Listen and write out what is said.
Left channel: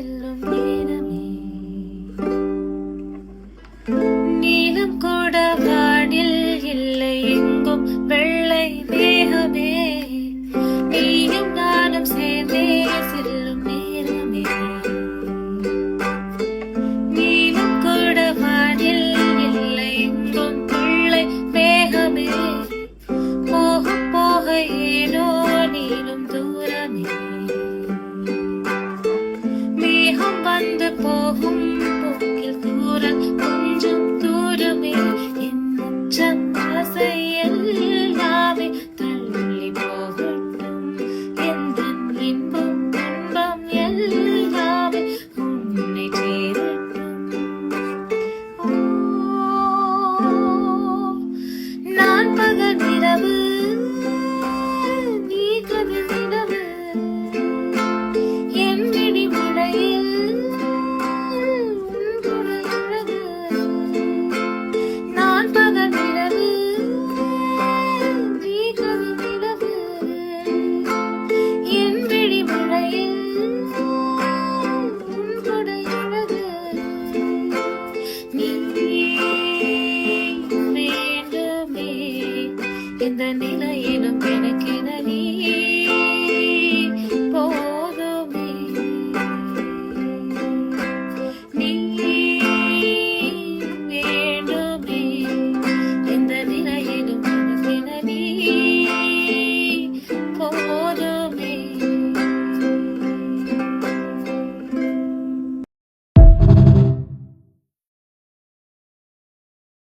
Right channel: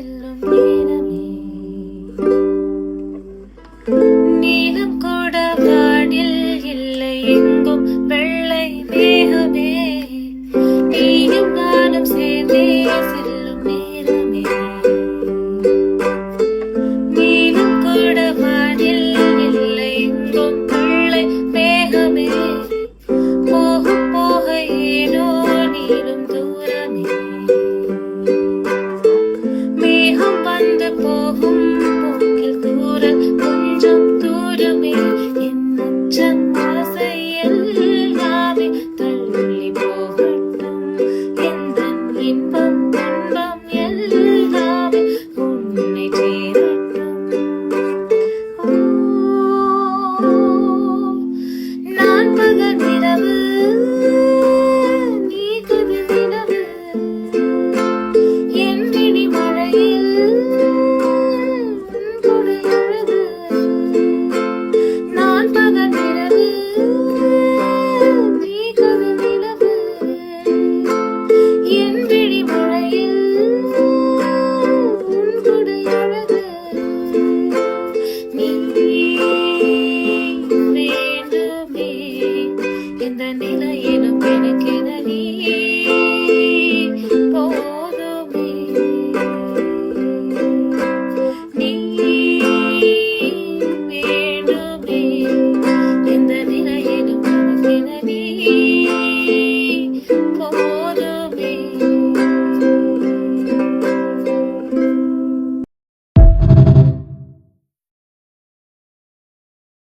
செல்லும் நேரமே நீலம் கூட வானில் இல்லை எங்கும் வெள்ளை மேகமே நீயும் நானும் சேர்ந்தே செல்லும் நேரமே நீலம் கூட வானில் இல்லை எங்கும் வெள்ளை மேகமே போக போக ஏனோ நீளும் தூரமே மேகம் வந்து போகும் போக்கில் தூரல் கொஞ்சம் தூரமே என் உச்சம் ஆசை எல்லாமே தள்ளி போகட்டும் எந்த இன்பம் துன்பம் எல்லாமே உன்னை சேரட்டும் நான் பகல் இரவு நீ கதிர் நிலவு என் விழி மழையில் உன் குடை அழகு நான் பகல் இரவு நீ கதிர் நிலவு என் விழி மழையில் உன் குடை அழகு நீ வேண்டுமே எந்த நிலையிலும்